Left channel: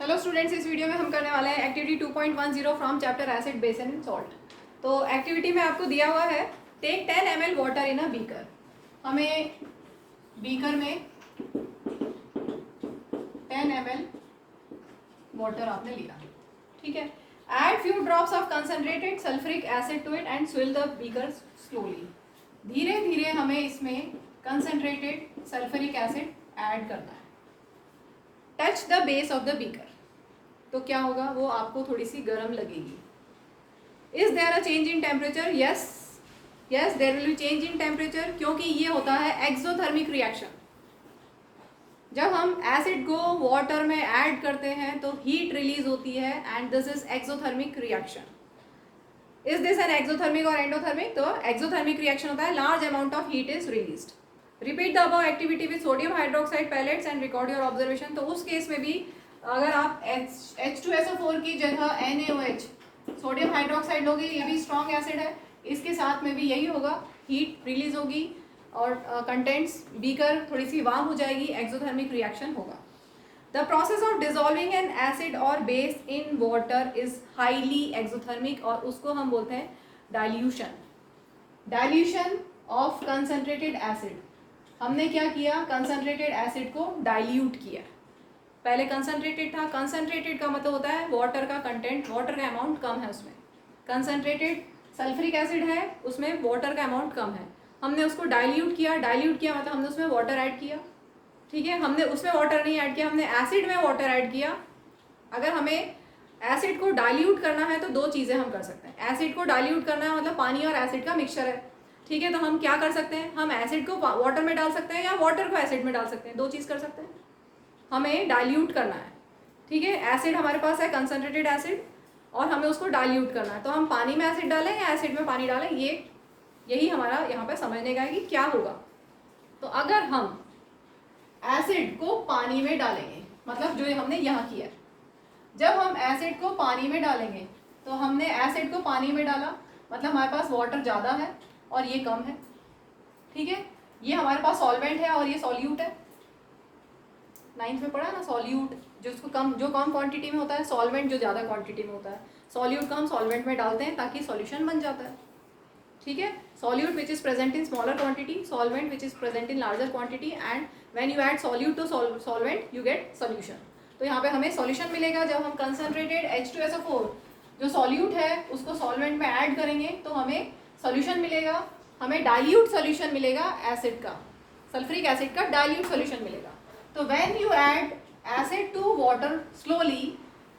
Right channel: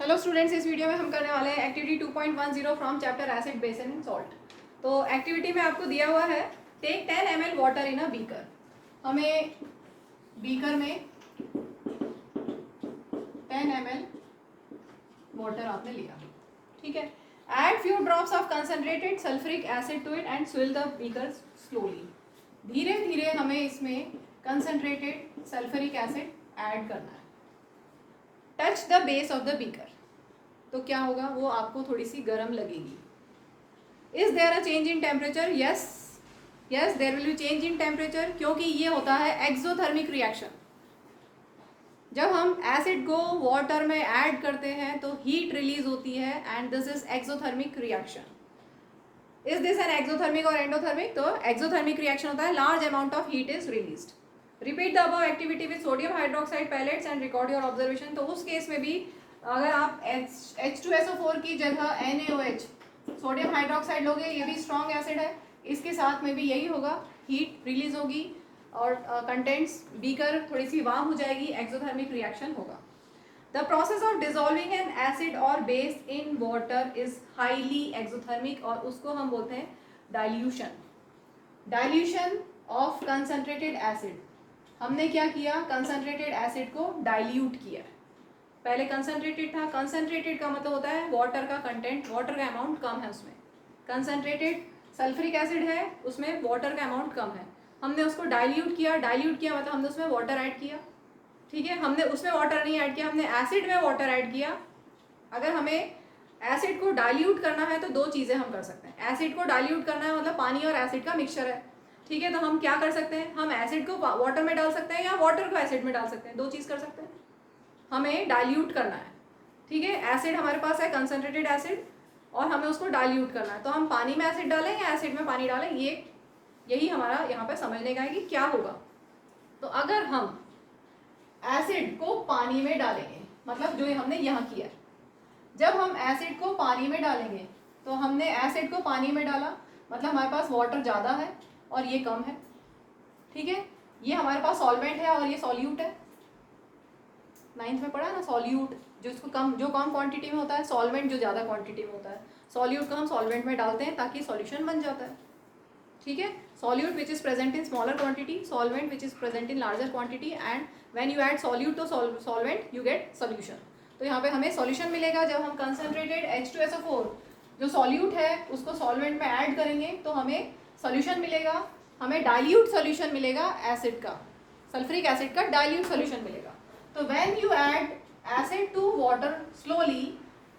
Hello students, इस video में हम करने वाले हैं activity 2.10 from chapter acid base and salt. तो एक्टिविटी में आपको दिया हुआ है take 10 ml water in a beaker. हमें बीकर में 10 ml वाटर आपने लिया, ठीक है। Add few drops of concentrated sulphuric acid to it and swirl the beaker slowly. धीरे धीरे हमें इसमें कंसनट्रेटेड सल्फ्यूरिक एसिड ऐड करना है। Touch the base of the beaker, तो क्या होगा, वो आपको थोड़ी सी गर्म लगेगी। Is there a change in temperature? Yes yes, there will be change in temperature, क्योंकि ये होता है एक्सोथर्मिक रिएक्शन। जब हम एसिड को वाटर में ऐड करते हैं तो हीट रिलीज होती है and this is exothermic reaction. Is this an exothermic और एंडोथर्मिक? तो एक्सोथर्मिक रिएक्शन होता है large amount of heat is released. Repeat the above activity with sodium hydroxide pellets and record your observation. तो उस case में भी अगर आप H2SO4 की जगह NaOH सोडियम हाइड्रोक्साइड लोगे, ये भी स्ट्रॉन्ग एसिड है, इसके साथ में भी यही होगा, हीट रिलीज होगी और कंटेंट्स बीकर थोड़ी सी वार्म हो जाएगी, एक्सोथर्मिक रिएक्शन होगा। The process of dissolving an acid और base in water is highly exothermic और उसको हम बोलते हैं dilution. Dilution of concentrated acid. हमने क्या किया, कंसनट्रेटेड एसिड को डाइल्यूट किया। पहले कंसनट्रेटेड था, कंसनट्रेटेड का मतलब होता है वाटर का कंटेंट, वाटर का अमाउंट कम है उसमें। कंसनट्रेटेड सल्फ्यूरिक एसिड है, उसमें वाटर का अमाउंट कम है, हमने उसको डाइल्यूट किया। डाइल्यूट किया मतलब हमने उसमें वाटर ऐड किया, ठीक है। हमने उसमें वाटर नहीं ऐड किया, हमने एसिड में वाटर ऐड किया। अगर हमें एसिड को डाइल्यूट करना है तो दो चीज़ें हम कर सकते हैं। एसिड को डाइल्यूट करना है मतलब पानी और एसिड का मिक्सचर है, ठीक है। तो हम क्या कर सकते हैं, हम एसिड को वाटर में डाल सकते हैं या वाटर को एसिड में डाल सकते हैं, दो चीज़ कर सकते हैं। हमें डाइल्यूट करना है, ठीक है। एसिड हमारे पास है कंसनट्रेटेड एसिड और हमें उसको डाइल्यूट करना है, तो हम पानी में एसिड डालें या एसिड में पानी डालें, यही हमारा यहाँ पे समझने का है कि क्या होगा। तो अगर हम एसिड को पानी में डालेंगे, मतलब जो हमने यहाँ किया है, जब हम एसिड को पानी में डालेंगे तो हमने एसिड को पानी में डाला मतलब हमारे पास वाटर ज़्यादा है और ये कम है, ठीक है। ये हमारे पास सॉल्वेंट है और ये सॉल्यूट है। 9th में पढ़ा ना, सॉल्यूट जो कम क्वांटिटी में होता है, सॉल्वेंट जो ज़्यादा क्वांटिटी में होता है। सॉल्यूट को हम सॉल्वेंट में डालते हैं ताकि सॉल्यूशन बन जाता है, ठीक है। Solute which is present in smaller quantity, solvent which is present in larger quantity, and when you add solute to solvent you get solution. तो यहाँ पे हमें सॉल्यूशन मिलेगा जब हम कंसनट्रेटेड H2SO4 जो सॉल्यूट है उसको सॉल्वेंट में ऐड करेंगे तो हमें सॉल्यूशन मिलेगा। हमें डाइल्यूट सॉल्यूशन मिलेगा एसिड का, सल्फ्यूरिक एसिड का डाइल्यूट सॉल्यूशन मिलेगा। तो when you add acid to water slowly,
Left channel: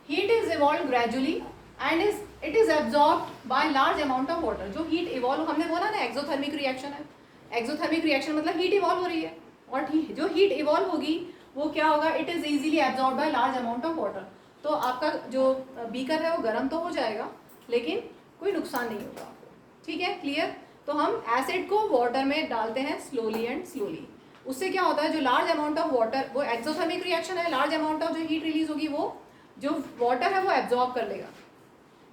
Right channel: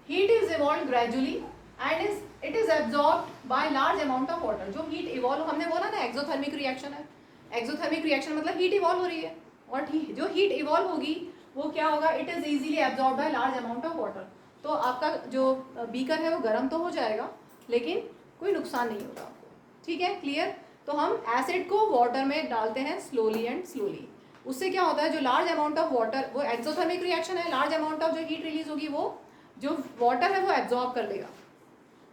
heat is evolved gradually and it is absorbed by large amount of water। जो heat evolve, हमने बोला ना एक्सोथर्मिक रिएक्शन है, एक्सोथर्मिक रिएक्शन मतलब हीट इवॉल्व हो रही है और जो हीट इवॉल्व होगी वो क्या होगा, it is easily absorb by large amount of water. तो आपका जो बीकर है वो गर्म तो हो जाएगा लेकिन कोई नुकसान नहीं होगा आपको, ठीक है, क्लियर। तो हम एसिड को वाटर में डालते हैं स्लोली एंड स्लोली। उससे क्या होता है, जो लार्ज अमाउंट ऑफ वाटर, वो एक्सोथर्मिक रिएक्शन है, लार्ज अमाउंट ऑफ जो हीट रिलीज होगी वो जो वाटर है वो एब्जॉर्ब कर लेगा,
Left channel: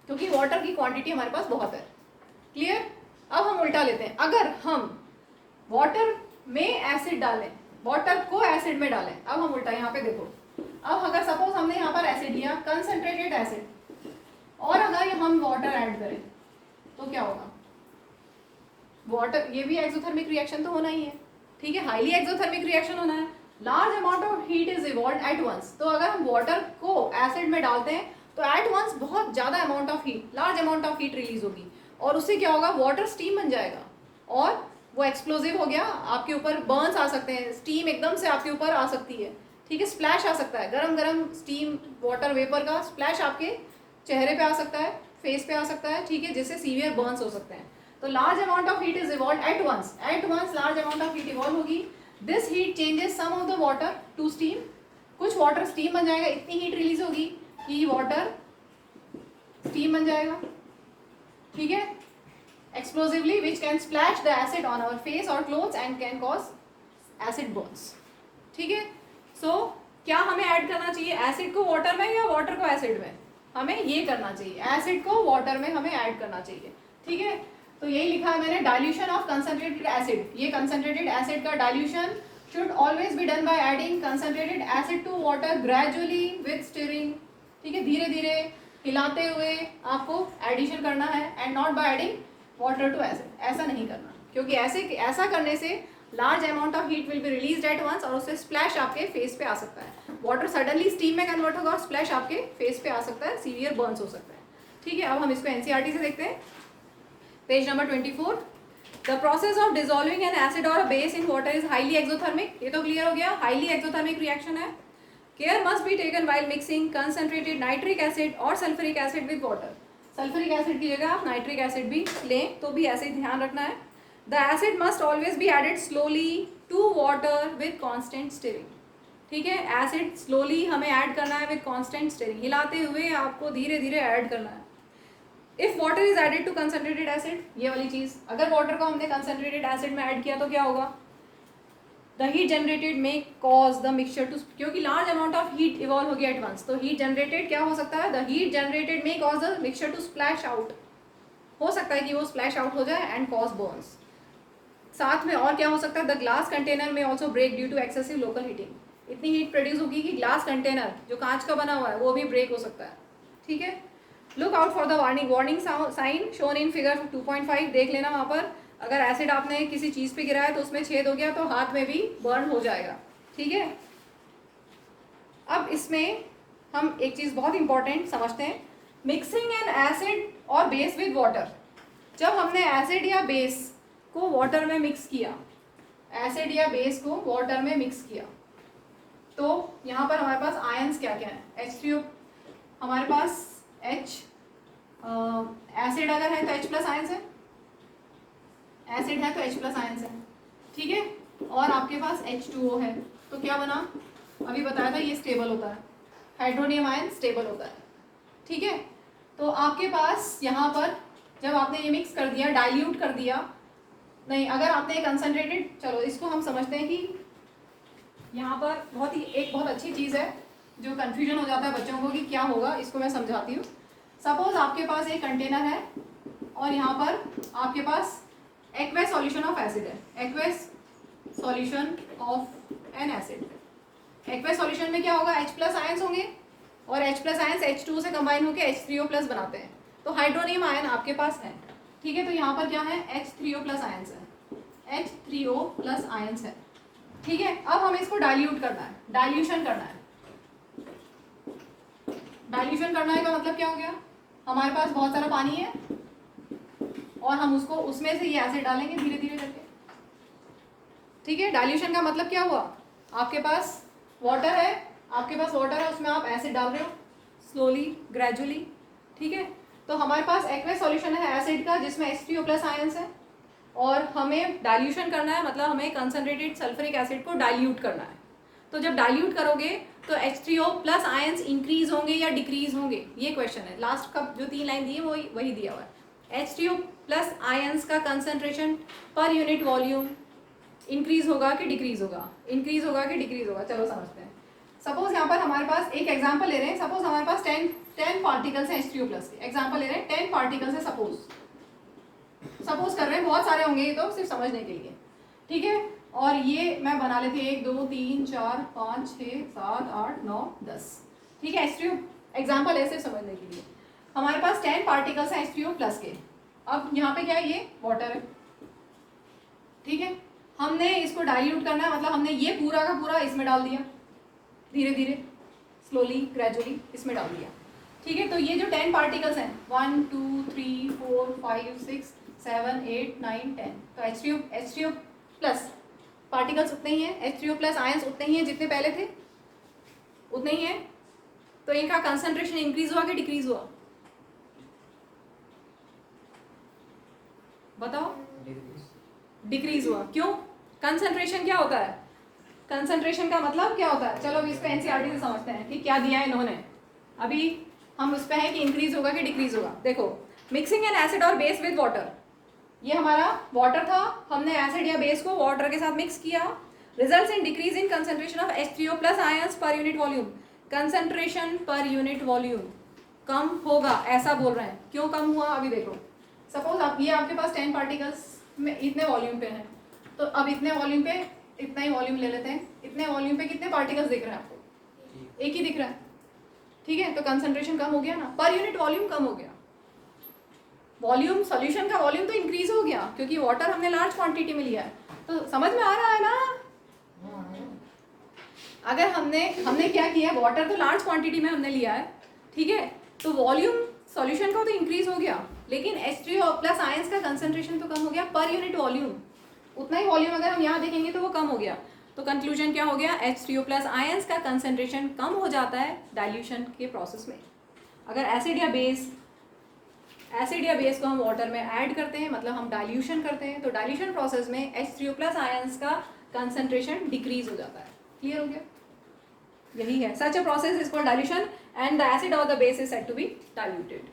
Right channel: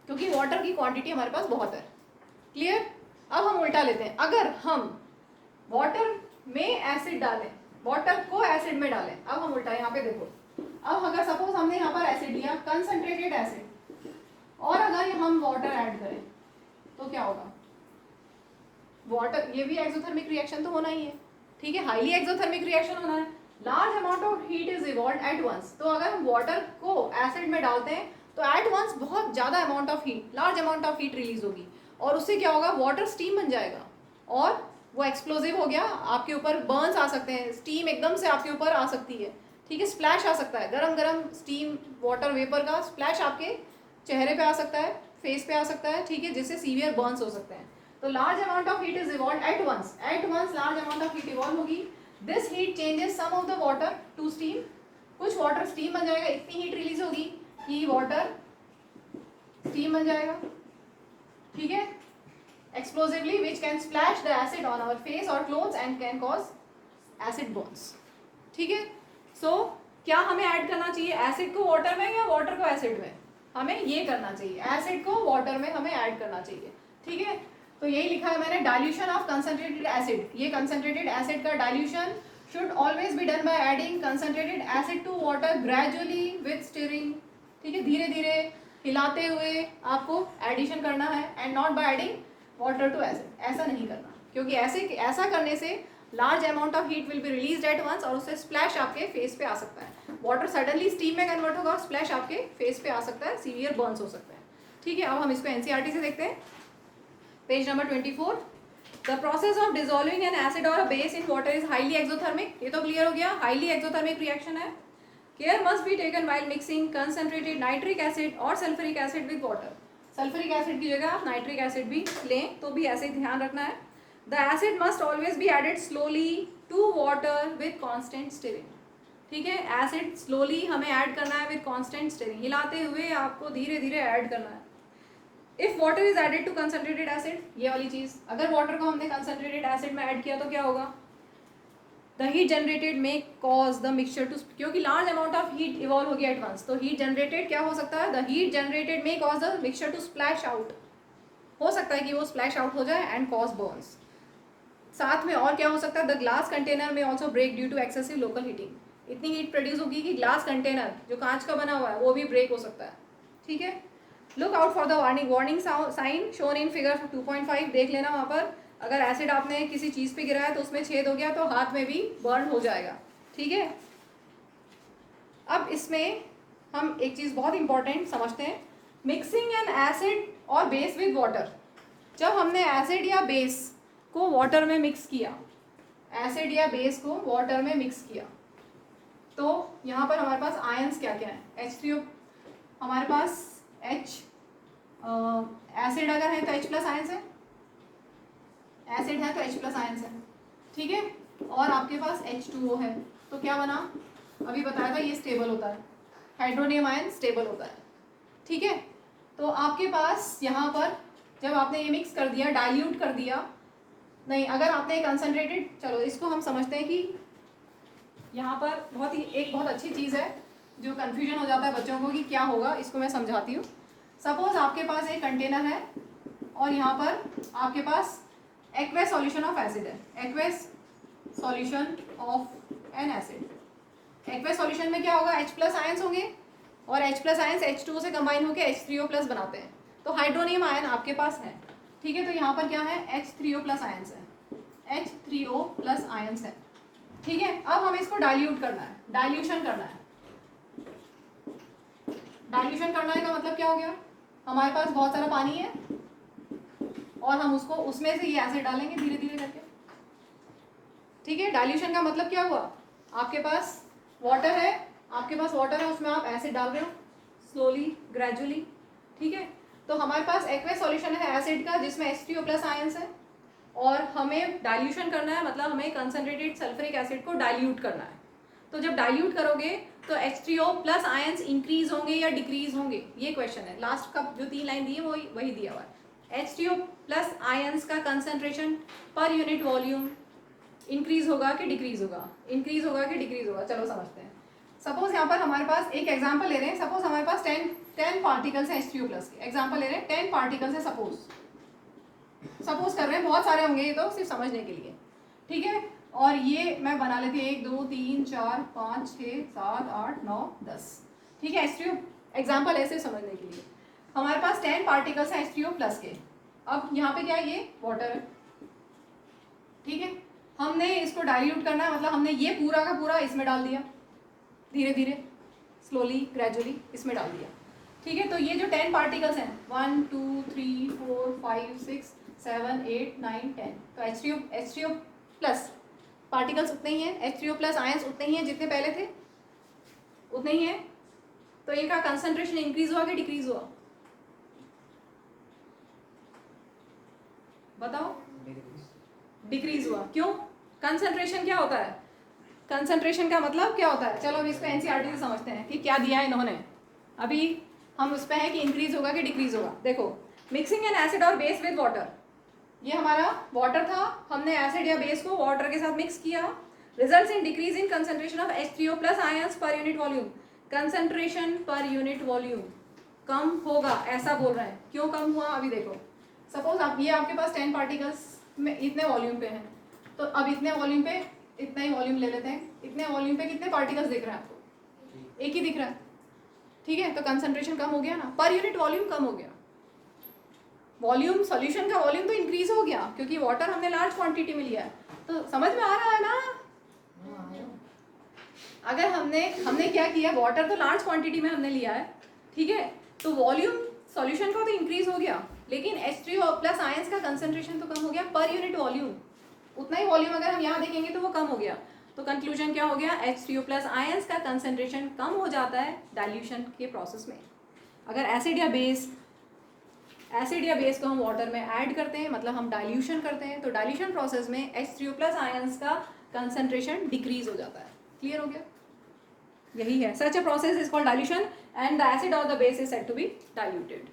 क्योंकि वाटर की क्वांटिटी हमारे पास बहुत है, क्लियर। अब हम उल्टा लेते हैं, अगर हम वाटर में एसिड डालें, वाटर को एसिड में डालें, अब हम उल्टा, यहाँ पे देखो, अब अगर सपोज हमने यहाँ पर एसिड लिया, कंसनट्रेटेड एसिड, और अगर हम वाटर ऐड करें तो क्या होगा, वाटर, ये भी एक्सोथर्मिक रिएक्शन तो होना ही है, ठीक है, हाईली एक्सोथर्मिक रिएक्शन होना है। Large amount of heat is evolve at once. तो अगर हम वाटर को एसिड में डालते हैं तो एट वंस बहुत ज़्यादा amount of heat, large amount of heat release होगी और उससे क्या होगा, वाटर स्टीम बन जाएगा और वो एक्सप्लोजिव हो गया, आपके ऊपर बर्न्स आ सकते हैं, स्टीम एकदम से आपके ऊपर आ सकती है, ठीक है, स्प्लैश आ सकता है, गरम गरम स्टीम वाटर वेपर का स्प्लैश आपके चेहरे पे आ सकता है, फेस पे आ सकता है, ठीक है, जिससे सीवियर बर्न्स हो सकते हैं। तो large amount of heat is evolve at once large amount of heat evolve होगी। This heat changes some of the water to steam, कुछ वाटर स्टीम बन जाएगा, इतनी हीट रिलीज होगी कि वाटर स्टीम बन जाएगा, ठीक है, explosively which can splash the acid on our face और clothes and can cause acid burns, ठीक है। सो क्या हमें ऐड करना चाहिए, एसिड को वाटर में या वाटर को एसिड में? हमें ये करना चाहिए, एसिड को वाटर में हमें ऐड करना चाहिए, ठीक है। तो यही लिखा है मैंने, डाइल्यूशन ऑफ कंसनट्रेटेड एसिड। ये कंसनट्रेटेड एसिड का dilution should always be done by adding concentrated acid to water gradually with stirring धीरे हिलाते हुए आपको एडिशन करना है, and not by adding water to acid. ऐसा नहीं करना, क्योंकि ऐसा करने से large amount of heat will be release at once और उससे स्प्लैश आपके फेस पे आ सकता है। वाटर सडनली स्टीम में कन्वर्ट होगा और स्प्लैश आपके फेस पे आ सकता है, सीवियर बर्न्स हो सकता है। ठीक है, अब हम इसको एनसीईआरटी से देखते हैं, page number 24। The process of dissolving an acid और a base in water is highly exothermic. ये तो क्लियर हो गया, हाईली एक्सोथर्मिक रिएक्शन है। Care must be taken while mixing concentrated nitric acid और sulphuric acid with water. Sulphuric acid की जगह आप नाइट्रिक एसिड भी लें तो भी ऐसे ही ध्यान रखना है। The acid must always be added slowly to water with constant stirring. ठीक है, एसिड स्लोली हमें ऐड करना है विद कॉन्स्टेंट स्टिरिंग, हिलाते हुए आपको धीरे धीरे ऐड करना है। If water is added to concentrated acid, ये वाली चीज, अगर वाटर को हमने कंसंट्रेटेड एसिड में ऐड किया तो क्या होगा, the heat generated may cause the mixture to, क्योंकि large amount of heat evolve होगी एट वंस, तो हीट जनरेटेड क्या हो सकता है, the heat generated may cause the mixture to splash out, हो सकता है कि वो स्प्लैश आउट हो जाए एंड कॉज बर्न्स। साथ में और क्या हो सकता है, द ग्लास कंटेनर में also break due to excessive local heating. इतनी हीट प्रोड्यूस होगी कि ग्लास कंटेनर जो कांच का बना हुआ है वो भी ब्रेक हो सकता है। ठीक है, look out for the warning sign shown in figure 2.5। देख लेना वहाँ पर, अगर एसिड आपने किसी चीज़ पे गिराया तो उसमें छेद हो गया तो हाथ में भी बर्न हो जाएगा। ठीक है, अब इसमें हम एक चीज़ बहुत इंपॉर्टेंट समझते हैं, मिक्सिंग एन एसिड और बेस विद वाटर। जब हमने एसिड या बेस को वाटर में मिक्स किया, एसिड या बेस को वाटर में मिक्स किया, तो यहाँ पर हमारे पास आयंस क्या क्या है, H3O, हमारे पास H, एसिड अगर है तो H प्लस आयंस है, एसिड है तो H प्लस आयंस है। ठीक है, और आपके पास H2O है, तो क्या बना, अभी बताया था ये स्टेबल होता है, हाइड्रोनियम आयन स्टेबल होता है। ठीक है, तो आपके पास यहाँ पर जब आपने ये मिक्स कर दिया, डाइल्यूट कर दिया, नहीं अगर आपने कंसनट्रेटेड, चलो इसको हम समझते हैं कि यहाँ पर एक बहुत अच्छी चीज़ है जो कन्फ्यूजन हो जाता है बच्चों को कि क्या होगा, इसको मैं समझाती हूँ। सपोज आपके पास एक कंटेनर है और यहाँ पर आपके पास एक्वेस सॉल्यूशन ऑफ एसिड है, aqueous solution of N acid. Aqueous solution में क्या होगा, H प्लस आयंस होंगे और H प्लस आयंस H2O से कंबाइन होकर H3O प्लस बनाते हैं, तो हाइड्रोनियम आयन आपके पास है। ठीक है, तो यहाँ पर क्या है, H3O प्लस आयंस है, H3O प्लस आयंस है। ठीक है, अब हमें इसको डाइल्यूट करना है, डाइल्यूशन करना है। डाइल्यूशन करना है का मतलब क्या हो गया, हमारे पास बहुत सारा पानी है और हम उसको उसमें से ये एसिड डालेंगे धीरे धीरे करके। ठीक है, डाइल्यूशन का मतलब क्या हुआ, आपके पास वाटर है, उसमें आप एसिड डाल रहे हो स्लोली ग्रेजुअली। ठीक है, तो हमारे पास एक्वेस सॉल्यूशन है एसिड का जिसमें H3O प्लस आयंस है और हमें डाइल्यूशन करना है, मतलब हमें कंसनट्रेटेड सल्फ्यूरिक एसिड को डाइल्यूट करना है। तो जब डाइल्यूट करोगे तो H3O प्लस आयंस इंक्रीज होंगे या डिक्रीज होंगे, ये क्वेश्चन है। लास्ट का जो 3 लाइन दी है वही दिया हुआ है। H3O प्लस आयंस का कंसनट्रेशन पर यूनिट वॉल्यूम इंक्रीज होगा कि डिक्रीज होगा, इंक्रीज होगा कि डिक्रीज होगा। चलो समझते हैं। सपोज यहाँ पर हमारे पास एक एग्जाम्पल ले रहे हैं, सपोज हमारे पास 10 पार्टिकल्स हैं H3O प्लस के, एग्जाम्पल ले रहे हैं 10 पार्टिकल्स है, सपोज कर रहे हैं, बहुत सारे होंगे ये तो सिर्फ समझने के लिए। ठीक है, और ये मैं बना लेती हूँ 1 2 3 4 5 6 7 8 9 10। ठीक है, H3O एग्जाम्पल ऐसे समझने के लिए हमारे पास 10 पार्टिकल्स हैं H3O प्लस के। अब यहाँ पे क्या है, ये वाटर है। ठीक है, हमने इसको डाइल्यूट करना है, मतलब हमने ये पूरा का पूरा इसमें डाल दिया, धीरे धीरे स्लोली ग्रेजुअली इसमें डाल दिया। ठीक है, तो ये जो 10 पार्टिकल्स हैं 1 2 3 4 5 6 7 8 9 10, तो H3O प्लस पार्टिकल्स उतने ही हैं, H3O प्लस आयंस उतने ही हैं जितने पहले थे, उतने ही हैं। तो इनका कंसंट्रेशन इंक्रीज हुआ कि डिक्रीज हुआ, बताओ। डिक्रीज हुआ, क्यों, कंसंट्रेशन क्या होता है, कंसंट्रेशन का मतलब क्या होता है। चलो अब इसको एनसीईआरटी से समझते हैं कि क्या दिया है इन्होंने। अभी हम उस पर है कि इंक्रीज होगा कि डिक्रीज होगा। देखो, मिक्सिंग एन एसिड और बेस विद वाटर, ये हमारा वाटर था, हमने एसिड या बेस को वाटर के साथ मिक्स किया, results in decrease in concentration of H3O plus ions per unit volume. Concentration per unit volume कम होगा, ऐसा बोल रहे हैं। क्यों कम हुआ, अभी देखो। सपोज आप ये आपके पास 10 पार्टिकल्स में इतने वॉल्यूम पे हैं, तो अब इतने वॉल्यूम पे इतना ही वॉल्यूम ले लेते हैं। इतने वॉल्यूम पे कितने पार्टिकल्स दिख रहे हैं आपको, एक ही दिख रहा है। ठीक है, तो कंसंट्रेशन कम हो गया ना, पर यूनिट वॉल्यूम कम हो गया। वॉल्यूम, सॉल्यूशन का वॉल्यूम तो इंक्रीज हो गया क्योंकि वाटर हमने लार्ज क्वांटिटी में लिया है। तो समझ में आ रहा है ना? अगर हमने क्या किया, वाटर तो लार्ज क्वांटिटी में हमने लिया है, ठीक है, तो वॉल्यूम सॉल्यूशन का तो इंक्रीज हो गया, लेकिन H3O प्लस आयंस का कंसंट्रेशन तो कम हो गया पर यूनिट वॉल्यूम। उतना ही वॉल्यूम अगर हम यहाँ देखेंगे तो वो कम हो गया। तो कंक्लूजन क्या हो गया, H3O प्लस आयंस का कंसंट्रेशन कम हो जाता है डाइल्यूशन के प्रोसेस में। अगर एसिड या बेस को हम वाटर में ऐड करते हैं, मतलब हम डाइल्यूशन करते हैं, तो डाइल्यूशन प्रोसेस में H3O प्लस आयंस का कंसंट्रेशन डिक्रीज हो जाता है। क्लियर हो गया? यही है, such a process is called dilution and the acid और the base is said to be diluted.